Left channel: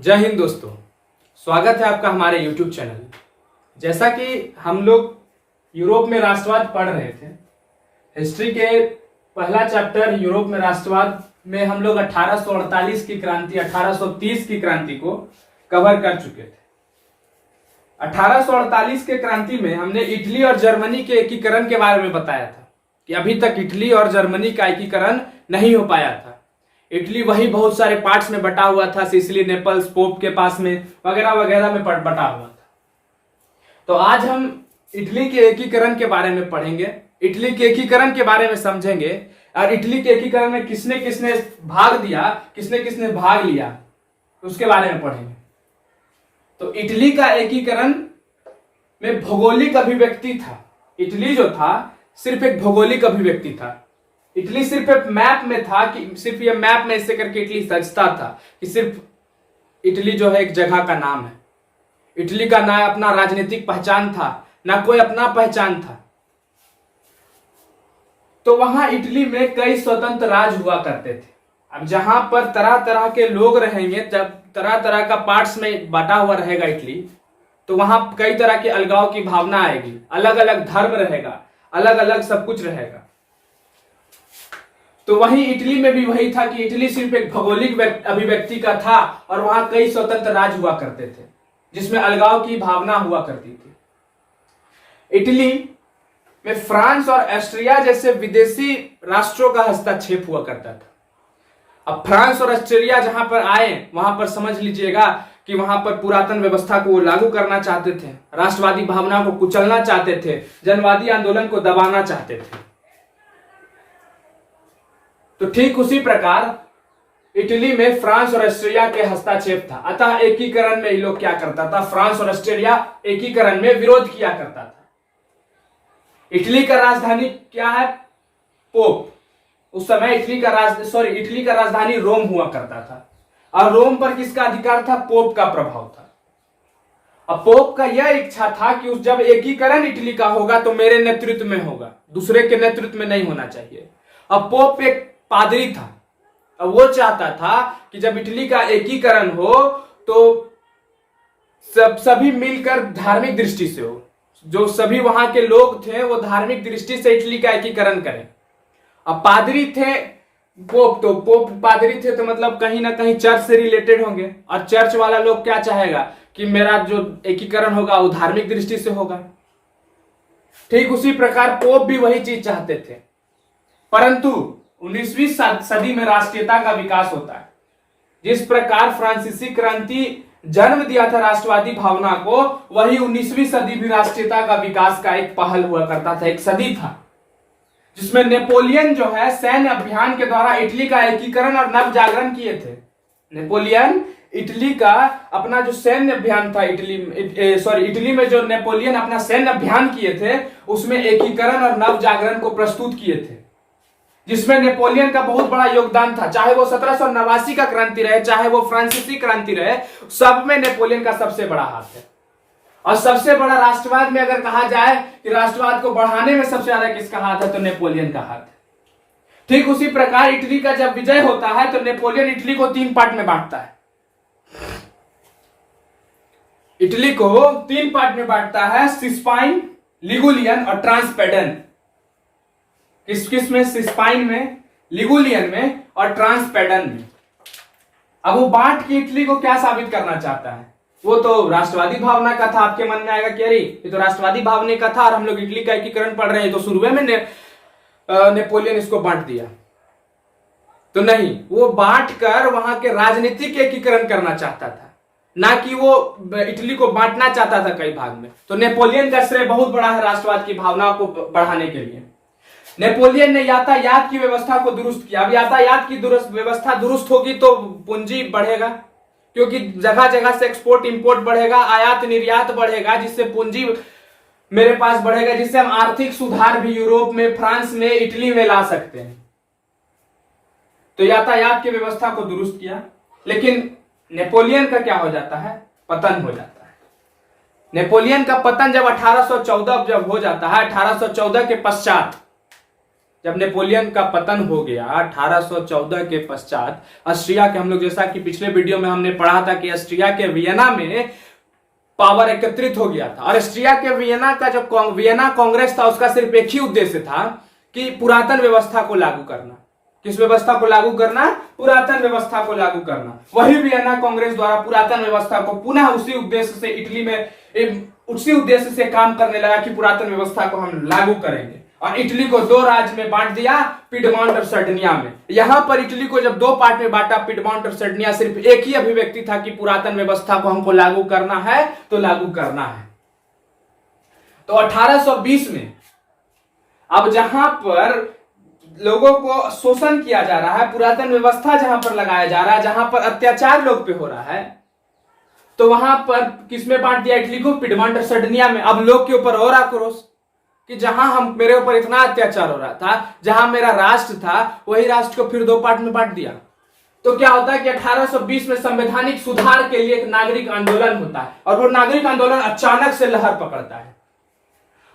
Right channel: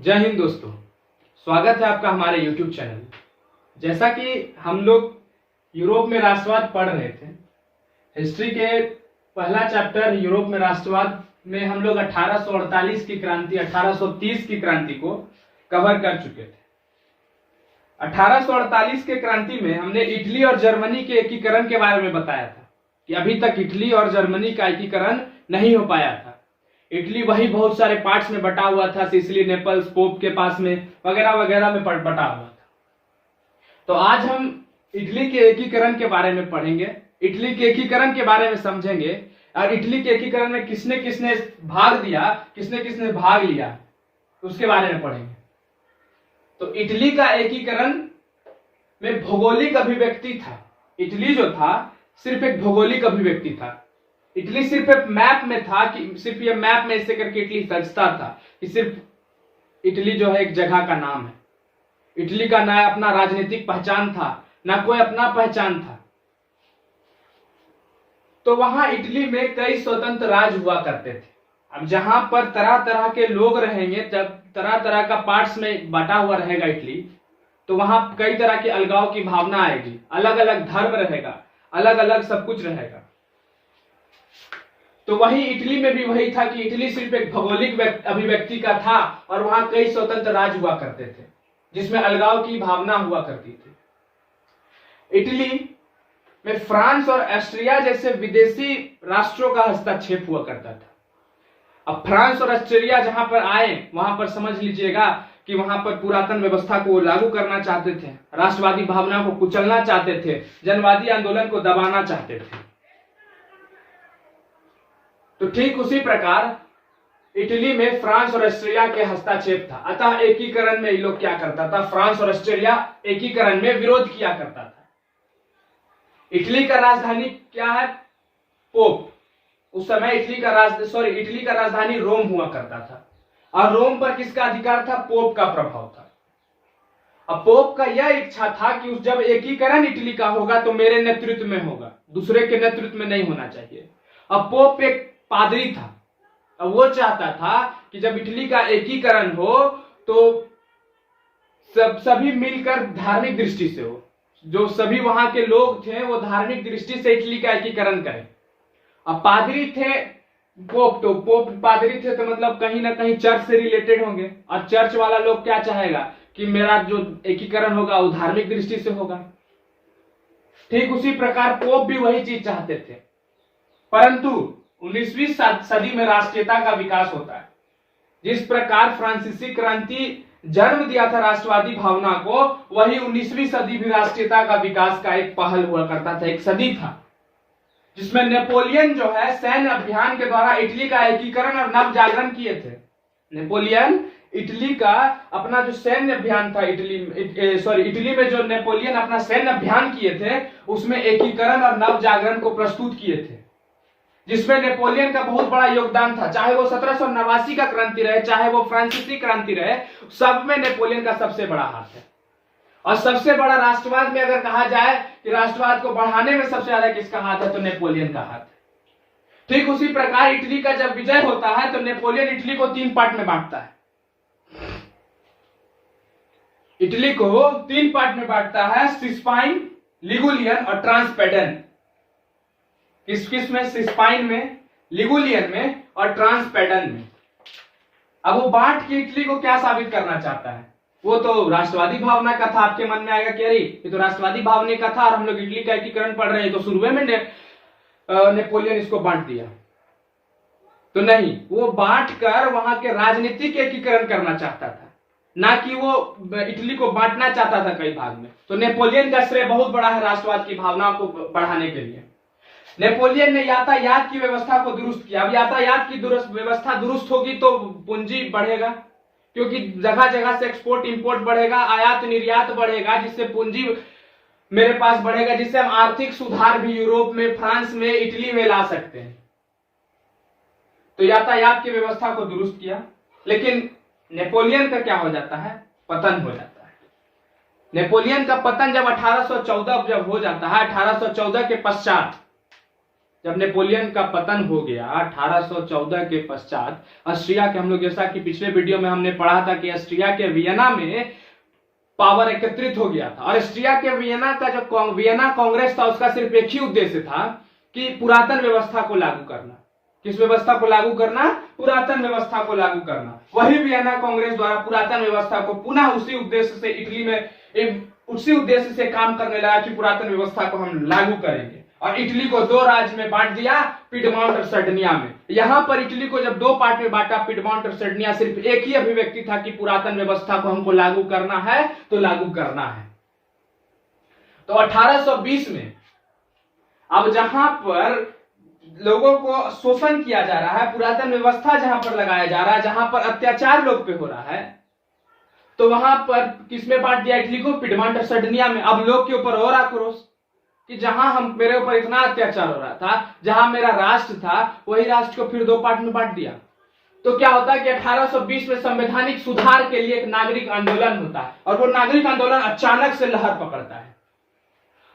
जय हिंद दोस्तों, स्वागत है आपका हमारे YouTube चैनल। जैसा कि हम लोग यूरोप में राष्ट्रवाद पढ़ रहे थे, हिस्ट्री के पहला चैप्टर यूरोप में राष्ट्रवाद में हम लोग 1848 की क्रांति 1830 की क्रांति को कवर कर चुके थे। 1848 के क्रांति में हमने इटली और जर्मनी के एकीकरण के बारे में बताया था कि अभी तक इटली और जर्मनी का एकीकरण नहीं हो पाया था। इटली वही बहुत सारे पार्ट्स में बटा हुआ था, सिसिली, नेपल्स, पोप के पास में वगैरह वगैरह में बटा हुआ था। तो आज हम इटली के एकीकरण के बारे में पढ़ेंगे, इटली के एकीकरण के बारे में समझेंगे और इटली के एकीकरण में किसने किसने भाग दिया, किसने किसने भाग लिया, उसके बारे में पढ़ेंगे। तो इटली का एकीकरण में भौगोलिक अभिव्यक्ति था। इटली जो था सिर्फ एक भौगोलिक अभिव्यक्ति था। इटली सिर्फ एक मैप में था कि सिर्फ ये मैप में ऐसे करके इटली सजता था कि सिर्फ इटली जो है एक जगह का नाम है। इटली का ना अपना राजनीतिक पहचान था, ना कोई अपना पहचान था। तो वहां इटली में कई स्वतंत्र राज्य हुआ करते थे। अब जहां पर तरह तरह के लोग रहेंगे, जब तरह तरह का पार्ट्स में बटा हुआ रहेगा इटली, तो वहां कई तरह के अलगाव की भावना आएगी। अलग अलग धर्म रहेगा, अलग अलग सब कुछ रहेगा। तो वहीं इटली में भी वही था कि इटली सिर्फ एक भौगोलिक अभिव्यक्ति का था और वहां कई स्वतंत्र राज्य हुआ करते थे जिसमें अलगाव की भावना हुआ करती थी। इटली में फ्रांस और ऑस्ट्रिया जैसे विदेशी राष्ट्रों का हस्तक्षेप हुआ करता था। अब फ्रांस और ऑस्ट्रेलिया जहां पर आए, वहां पर समझ लीजिएगा कि वहां पर पुरातन व्यवस्था को लागू करना चाहते थे, राष्ट्रवादी भावना को कुचलना चाहते थे, जनवादी आंदोलन को दबाना चाहते थे। तो ठीक उसी प्रकार इटली में फ्रांस और ऑस्ट्रिया के हस्तक्षेप था। अतः एकीकरण में ये लोग क्या करता था, फ्रांस और ऑस्ट्रिया एकीकरण में विरोध किया करता था। इटली का राजधानी क्या है? पोप। उस समय इटली का राजधानी रोम हुआ करता था और रोम पर किसका अधिकार था? पोप का प्रभाव था। अब पोप का यह इच्छा था कि जब एकीकरण इटली का होगा तो मेरे नेतृत्व में होगा, दूसरे के नेतृत्व में नहीं होना चाहिए। अब पोप एक पादरी था। अब वो चाहता था कि जब इटली का एकीकरण हो तो सभी मिलकर धार्मिक दृष्टि से हो, जो सभी वहां के लोग थे वो धार्मिक दृष्टि से इटली का एकीकरण करें। अब पादरी थे पोप पादरी थे तो मतलब कहीं ना कहीं चर्च से रिलेटेड होंगे और चर्च वाला लोग क्या चाहेगा कि मेरा जो एकीकरण होगा वो धार्मिक दृष्टि से होगा। ठीक उसी प्रकार पोप भी वही चीज चाहते थे। परंतु 19वीं सदी में राष्ट्रीयता का विकास होता है। जिस प्रकार फ्रांसीसी क्रांति जन्म दिया था राष्ट्रवादी भावना को, वही 19वीं सदी भी राष्ट्रीयता का विकास का एक पहल हुआ करता था, एक सदी था जिसमें नेपोलियन जो है सैन्य अभियान के द्वारा इटली का एकीकरण और नव जागरण किए थे। नेपोलियन इटली का अपना जो सैन्य अभियान था, इटली में जो नेपोलियन अपना सैन्य अभियान किए थे उसमें एकीकरण और नव जागरण को प्रस्तुत किए थे, जिसमें नेपोलियन का बहुत बड़ा योगदान था। चाहे वो 1789 का क्रांति रहे, चाहे वो फ्रांसीसी क्रांति रहे, सब में नेपोलियन का सबसे बड़ा हाथ है। और सबसे बड़ा राष्ट्रवाद में अगर कहा जाए कि राष्ट्रवाद को बढ़ाने में सबसे ज्यादा किसका हाथ है, तो नेपोलियन का हाथ है। ठीक उसी प्रकार इटली का जब विजय होता है तो नेपोलियन इटली को 3 पार्ट में बांटता है। इटली को 3 पार्ट में बांटता है, सिस्पाइन, लिगुलियन और ट्रांसपेडन। किस में? सिस्पाइन में, लिगुलियन में और ट्रांसपेडन में। अब वो बांट के इटली को क्या साबित करना चाहता है? वो तो राष्ट्रवादी भावना का था। आपके मन में आएगा कि अरे ये तो राष्ट्रवादी भावना का था और हम लोग इटली का एकीकरण पढ़ रहे हैं, तो शुरू में नेपोलियन इसको बांट दिया। तो नहीं, वो बांट कर वहां के राजनीतिक एकीकरण करना चाहता था, ना कि वो इटली को बांटना चाहता था कई भाग में। तो नेपोलियन का श्रेय बहुत बड़ा है राष्ट्रवाद की भावना को बढ़ाने के लिए। नेपोलियन ने यातायात की व्यवस्था को दुरुस्त किया। अब यातायात की व्यवस्था दुरुस्त होगी तो पूंजी बढ़ेगा, क्योंकि जगह जगह से एक्सपोर्ट इंपोर्ट बढ़ेगा, आयात निर्यात बढ़ेगा, जिससे पूंजी मेरे पास बढ़ेगा, जिससे हम आर्थिक सुधार भी यूरोप में, फ्रांस में, इटली में ला सकते हैं। तो यातायात की व्यवस्था को दुरुस्त किया। लेकिन नेपोलियन का क्या हो जाता है? पतन हो जाता है। नेपोलियन का पतन जब 1814 जब हो जाता है, 1814 के पश्चात जब नेपोलियन का पतन हो गया 1814 के पश्चात, ऑस्ट्रिया के, हम लोग जैसा कि पिछले वीडियो में हमने पढ़ा था कि ऑस्ट्रिया के वियना में पावर एकत्रित हो गया था। और ऑस्ट्रिया के वियना का जो वियना कांग्रेस था, उसका सिर्फ एक ही उद्देश्य था कि पुरातन व्यवस्था को लागू करना। किस व्यवस्था को लागू करना? पुरातन व्यवस्था को लागू करना। वही वियना कांग्रेस द्वारा पुरातन व्यवस्था को पुनः उसी उद्देश्य से इटली में उसी उद्देश्य से काम करने लगा कि पुरातन व्यवस्था को हम लागू करेंगे। और इटली को दो राज्य में बांट दिया, पिडमॉन्ट और सर्डिनिया में। यहां पर इटली को जब दो पार्ट में बांटा, पिडमॉन्ट और सर्डिनिया, सिर्फ एक ही अभिव्यक्ति था कि पुरातन व्यवस्था को हमको लागू करना है तो लागू करना है। तो 1820 में अब जहां पर लोगों को शोषण किया जा रहा है, पुरातन व्यवस्था जहां पर लगाया जा रहा है, जहां पर अत्याचार लोग पे हो रहा है, तो वहां पर किसमें बांट दिया इटली को? पिडमॉन्ट और सर्डिनिया में। अब लोग के ऊपर और आक्रोश कि जहां मेरे ऊपर इतना अत्याचार हो रहा था, जहां मेरा राष्ट्र था, वही राष्ट्र को फिर दो पार्ट में बांट दिया। तो क्या होता है कि 1820 में संवैधानिक सुधार के लिए एक नागरिक आंदोलन होता है, और वो नागरिक आंदोलन अचानक से लहर पकड़ता है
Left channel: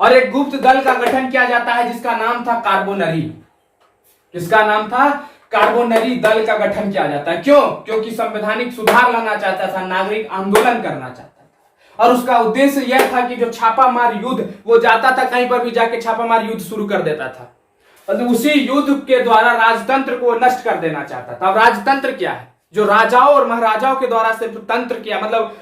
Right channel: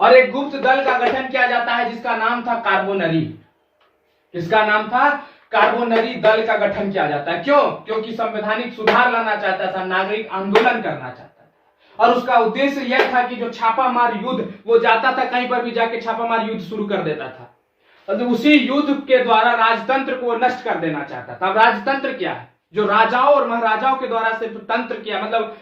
और एक गुप्त दल का गठन किया जाता है जिसका नाम था कार्बोनरी। किसका नाम था? कार्बोनरी दल का गठन किया जाता है। क्यों? क्योंकि संवैधानिक सुधार लाना चाहता था, नागरिक आंदोलन करना चाहता था, और उसका उद्देश्य यह था कि जो छापामार युद्ध, वो जाता था कहीं पर भी जाके छापामार युद्ध शुरू कर देता था, और तो उसी युद्ध के द्वारा राजतंत्र को नष्ट कर देना चाहता था। अब राजतंत्र क्या है? जो राजाओं और महाराजाओं के द्वारा सिर्फ तंत्र किया, मतलब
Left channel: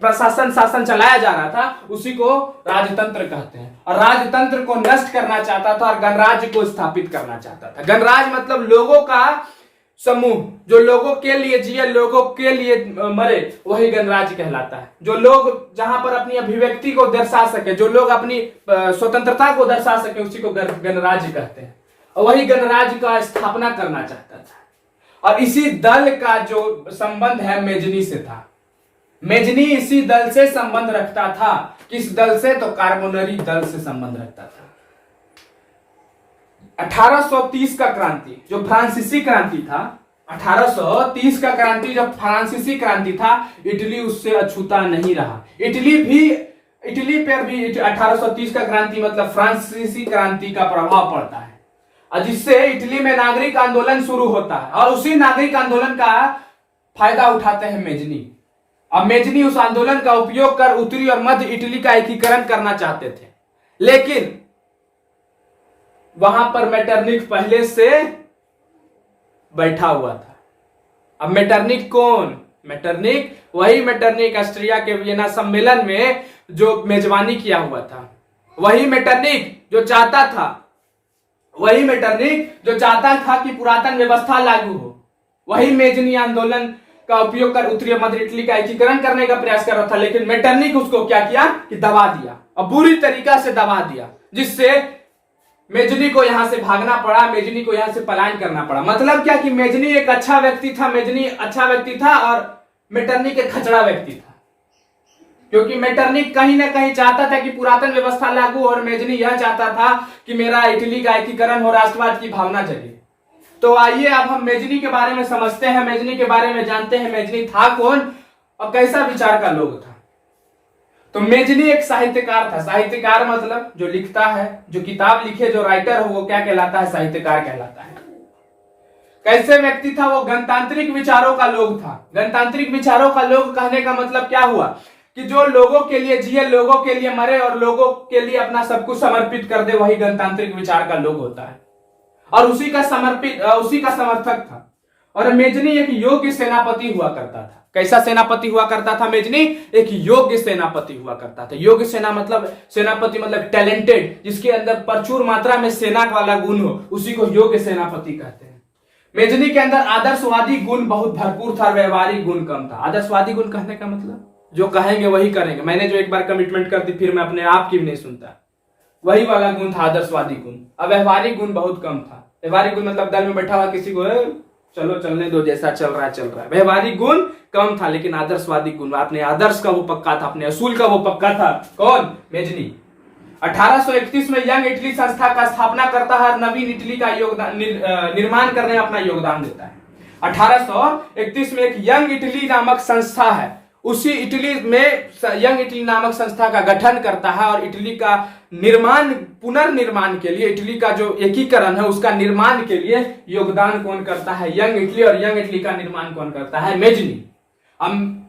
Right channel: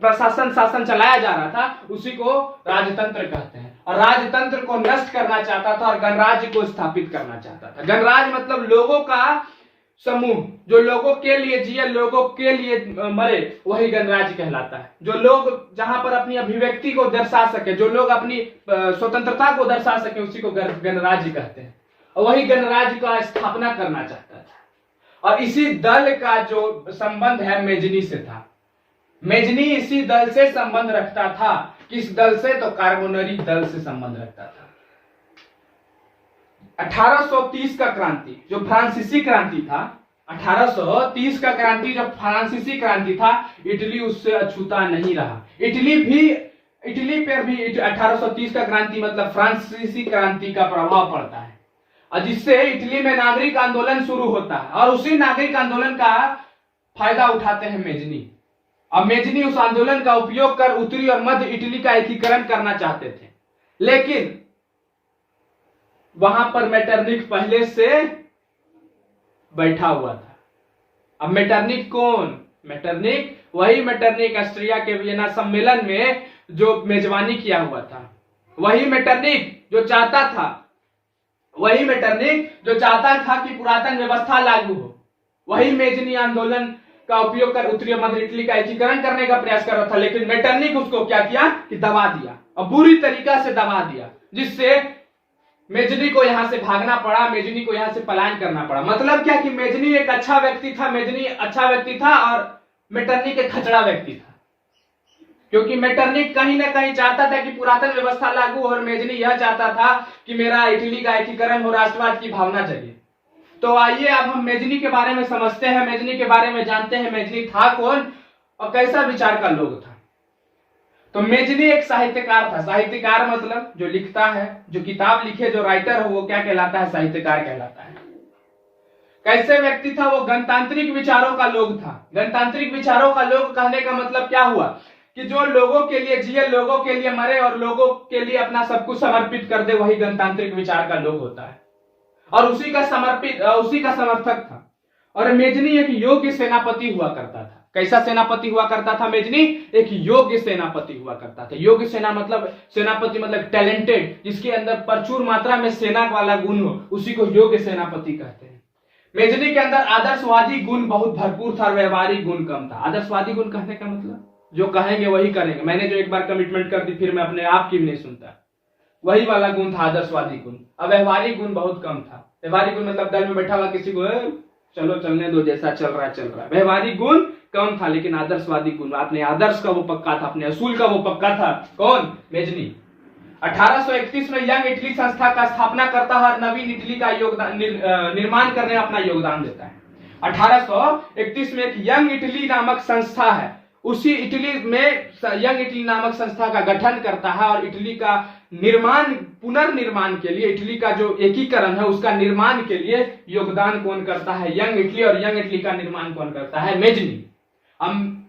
प्रशासन शासन चलाया जा रहा था, उसी को राजतंत्र कहते हैं। और राजतंत्र को नष्ट करना चाहता था और गणराज्य को स्थापित करना चाहता था। गणराज्य मतलब लोगों का समूह, जो लोगों के लिए जिए, लोगों के लिए मरे, वही गणराज्य कहलाता है। जो लोग जहां पर अपनी अभिव्यक्ति को दर्शा सके, जो लोग अपनी स्वतंत्रता को दर्शा सके, उसी को गणराज्य कहते हैं। और वही गणराज्य का स्थापना करना चाहता था। और इसी दल का जो संबंध है मेजनी से था। मेजनी इसी दल से संबंध रखता था। किस दल से? तो कार्बोनरी दल से संबंध रखता था। 1830 का क्रांति जो फ्रांसीसी क्रांति था, 1830 का क्रांति जो फ्रांसीसी क्रांति था, इटली उससे अछूता नहीं रहा। इटली पर भी 1830 का क्रांति मतलब फ्रांसीसी क्रांति का प्रभाव पड़ता है, और जिससे इटली में नागरिक आंदोलन शुरू होता है। और उसी नागरिक आंदोलन का फायदा उठाते हैं मेजनी। अब मेजनी उस आंदोलन का उपयोग कर उत्तरी और मध्य इटली का एकीकरण करना चाहते थे, लेकिन वहां पर मेटरनिख पहले से बैठा हुआ था। अब मेटरनिख कौन? मेटरनिख वही मेटरनिख ऑस्ट्रिया के वियना सम्मेलन में जो मेजबानी किया हुआ था, वही मेटरनिख जो चाहता था कि पुरातन व्यवस्था लागू हो। वही मेजनी आंदोलन का उपयोग कर उत्तरी मध्य इटली का एकीकरण करने का प्रयास कर रहा था, लेकिन मेटरनिख उसको क्या किया कि दबा दिया, और बुरी तरीका से दबा दिया, जिससे मेजनी को यहां से भागना पड़ा, मेजनी को यहां से पलायन करना पड़ा। मतलब क्या कि मेजनी एक अच्छा व्यक्ति था, मेजनी अच्छा व्यक्ति था, और मेटरनिख एक खचड़ा व्यक्ति था। क्योंकि मेटरनिख कहीं ना कहीं चाहता था कि पुरातन व्यवस्था लागू, और मेजनी यह चाहता था कि मेरा इटली का एकीकरण हो, राष्ट्रवाद की भावना जगे। तो आइए अब हम मेजनी के बारे में समझते हैं, मेजनी के बारे में जानते हैं। मेजनी था कौन और कैसा विचार का लोग था? तो मेजनी एक साहित्यकार था। साहित्यकार मतलब जो लिखता है, जो किताब लिखे, जो राइटर हो, वो क्या कहलाता है? साहित्यकार कहलाता है। कैसे व्यक्ति था वो? गणतांत्रिक विचारों का लोग था। गणतांत्रिक विचारों का लोग कहने का मतलब क्या हुआ कि जो लोगों के लिए जिए, लोगों के लिए मरे, और लोगों के लिए अपना सब कुछ समर्पित कर दे, वही गणतांत्रिक विचार का लोग होता है। और उसी का समर्थक था। और मेजनी एक योग्य सेनापति हुआ करता था। कैसा सेनापति हुआ करता था मेजनी? एक योग्य सेनापति हुआ करता था। योग्य सेनापति मतलब टैलेंटेड, जिसके अंदर प्रचुर मात्रा में सेना वाला गुण हो, उसी को योग्य सेनापति कहते हैं। मेजनी के अंदर आदर्शवादी गुण बहुत भरपूर था, व्यवहारिक गुण कम था। आदर्शवादी गुण कहने का मतलब जो कहेंगे वही करेंगे। मैंने जो एक बार कमिटमेंट कर दी, फिर मैं अपने आप की भी नहीं सुनता, वही वाला गुण था आदर्शवादी गुण। अब व्यवहारिक गुण बहुत कम था। व्यवहारिक गुण मतलब दल में बैठा हुआ किसी को चलो चलने दो, जैसा चल रहा है चल रहा है। व्यवहारिक गुण कम था, लेकिन आदर्शवादी गुण, अपने आदर्श का वो पक्का था, अपने असूल का वो पक्का था। कौन? मेजनी। 1831 में यंग इटली संस्था का स्थापना करता है और नवीन इटली का निर्माण करने में अपना योगदान देता है। 1831 में एक यंग इटली नामक संस्था है, उसी इटली में यंग इटली नामक संस्था का गठन करता है और इटली का निर्माण, पुनर्निर्माण के लिए, इटली का जो एकीकरण है उसका निर्माण के लिए योगदान कौन करता है? Young Italy. और यंग इटली का निर्माण कौन करता है? मेजनी।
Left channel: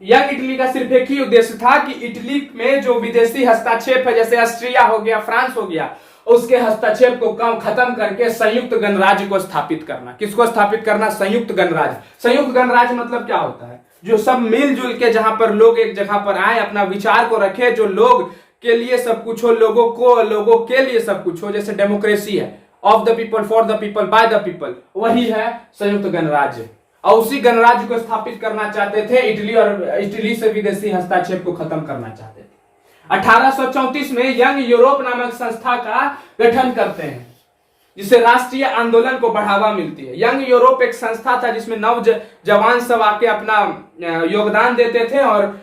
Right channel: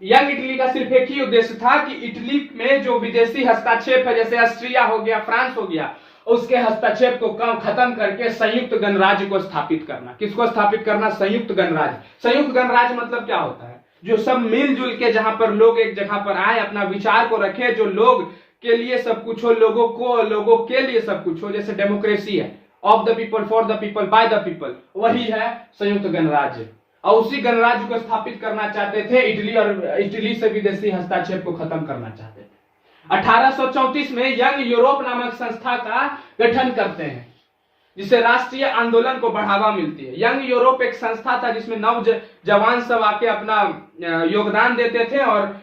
यंग इटली का सिर्फ एक ही उद्देश्य था कि इटली में जो विदेशी हस्तक्षेप है, जैसे ऑस्ट्रिया हो गया, फ्रांस हो गया, उसके हस्तक्षेप को खत्म करके संयुक्त गणराज्य को स्थापित करना। किसको स्थापित करना? संयुक्त गणराज्य। संयुक्त गणराज्य मतलब क्या होता है? जो सब मिलजुल के, जहां पर लोग एक जगह पर आए, अपना विचार को रखे, जो लोग के लिए सब कुछ हो, लोगों के लिए सब कुछ हो, जैसे डेमोक्रेसी है, of the people, for the people, by the people, वही है संयुक्त गणराज्य। और उसी गणराज्य को स्थापित करना चाहते थे इटली, और इटली से विदेशी हस्तक्षेप को खत्म करना चाहते थे। 1834 में यंग यूरोप नामक संस्था का गठन करते हैं, जिससे राष्ट्रीय आंदोलन को बढ़ावा मिलती है। यंग यूरोप एक संस्था था जिसमें जवान सब आके अपना योगदान देते थे और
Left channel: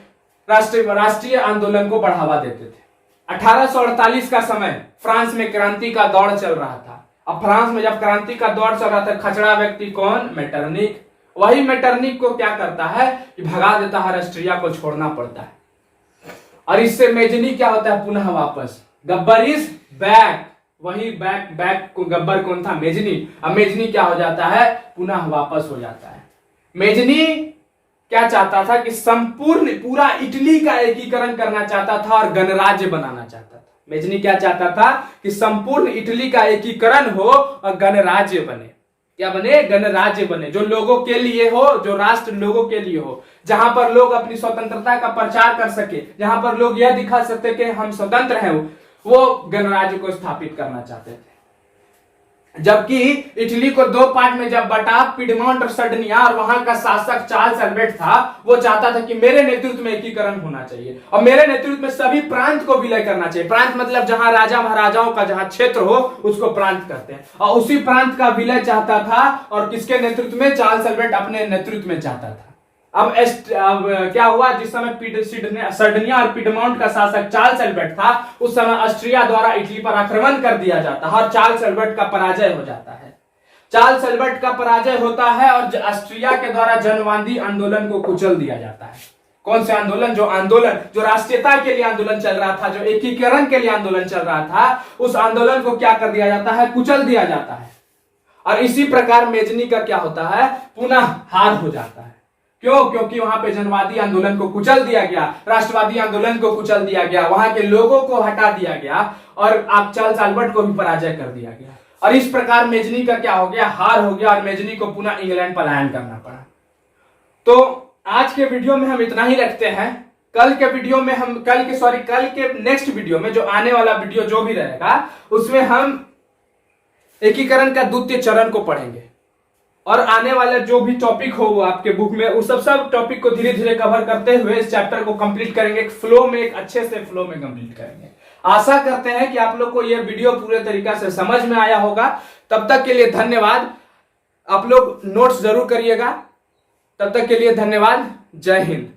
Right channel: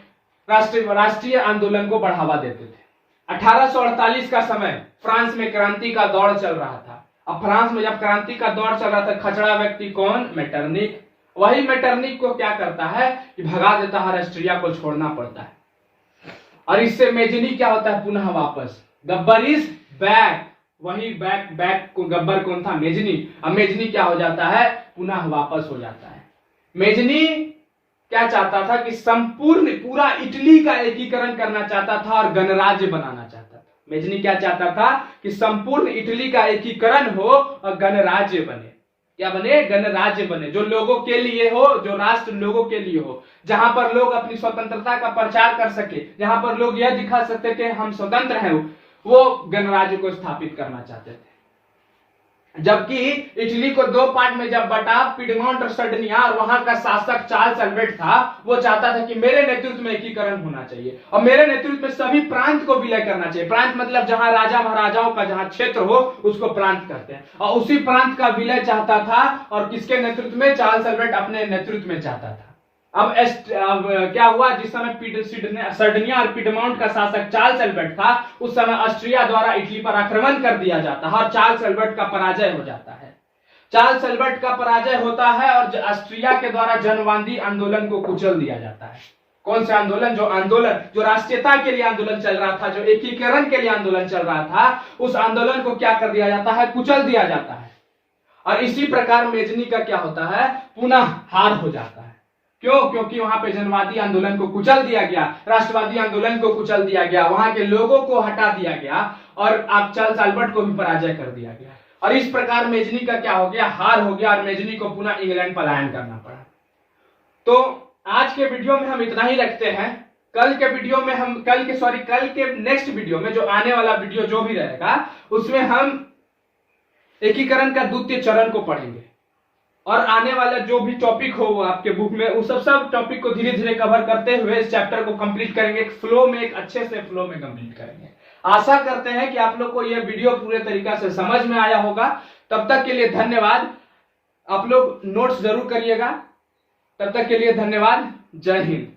राष्ट्रीय आंदोलन को बढ़ावा देते थे। 1848 का समय फ्रांस में क्रांति का दौर चल रहा था। अब फ्रांस में जब क्रांति का दौर चल रहा था, खचड़ा व्यक्ति कौन? मेटरनिक। वही मेटरनिक को क्या करता है कि भगा देता है, ऑस्ट्रिया को छोड़ना पड़ता है। और इससे मेजनी क्या होता है? पुनः वापस। Gabbar is back. वही बैक को गब्बर कौन था? मेजनी। अब मेजनी क्या हो जाता है? पुनः वापस हो जाता है। मेजनी क्या चाहता था कि संपूर्ण पूरा इटली का एकीकरण करना चाहता था और गणराज्य बनाना चाहता था। मेजनी क्या चाहता था कि संपूर्ण इटली का एकीकरण हो और गणराज्य बने। क्या बने? गणराज्य बने, जो लोगों के लिए हो, जो राष्ट्र लोगों के लिए हो, जहां पर लोग अपनी स्वतंत्रता का प्रचार कर सके, जहां पर लोग यह दिखा सकते कि हम स्वतंत्र हैं, वो गणराज्य को स्थापित करना चाहते थे। जबकि इटली को दो पार्ट में जब बटा, पिडमोंट और सर्डिनिया, और वहां का शासक चार्ल्स अल्बर्ट था, वो चाहता था कि मेरे नेतृत्व में एकीकरण होना चाहिए और मेरे नेतृत्व में सभी प्रांत को विलय करना चाहिए। प्रांत मतलब जहां राजा महाराजाओं का जहां क्षेत्र हो उसको प्रांत कहते हैं, और उसी प्रांत का विलय चाहता था। और किसके नेतृत्व में? चार्ल्स अल्बर्ट अपने नेतृत्व में चाहता था। अब क्या हुआ? जिस समय सर्डिनिया और पिडमोंट का शासक चार्ल्स अल्बर्ट था, उस समय ऑस्ट्रिया द्वारा इटली पर आक्रमण कर दिया जाता है और चार्ल्स अल्बर्ट का पराजय हो जाता है। चार्ल्स अल्बर्ट का पराजय होता है और ऑस्ट्रिया के द्वारा जनवादी आंदोलन को कुचल दिया जाता है। कौन से आंदोलन? जो राष्ट्रीयता के लिए आंदोलन चल रहा था, जो एकीकरण के लिए आंदोलन चल रहा था, उस आंदोलन को क्या कर दिया जाता है? कुचल दिया जाता है। और इसी प्रकार मेजनी का क्या होता है? पुनः हार हो जाता है। क्यों? क्योंकि वहां पे जनवादी आंदोलन को कुचल दिया गया, राष्ट्रवादी आंदोलन को कुचल दिया गया, वहां के लोगों को हटा दिया गया और आप चार्ल्स अल्बर्ट को भी पराजय कर दिया गया। और इस प्रकार मेजनी का क्या हो गया? हार हो गया और मेजनी को पुनः इंग्लैंड पलायन करना पड़ा। तो आज के वीडियो में हम इतना ही रखते हैं। कल के नेक्स्ट वीडियो में, जो आने वाला वीडियो जो भी रहेगा, उसमें हम एकीकरण का द्वितीय चरण को पढ़ेंगे और आने वाला जो भी टॉपिक हो वो आपके बुक में, उस सब टॉपिक को धीरे धीरे कवर करते हुए इस चैप्टर को कंप्लीट करेंगे। एक अच्छे से फ्लो में कंप्लीट करेंगे। आशा करते हैं कि आप लोग को यह वीडियो पूरे तरीका से समझ में आया होगा। तब तक के लिए धन्यवाद। आप लोग नोट्स जरूर करिएगा। तब तक के लिए धन्यवाद। जय हिंद।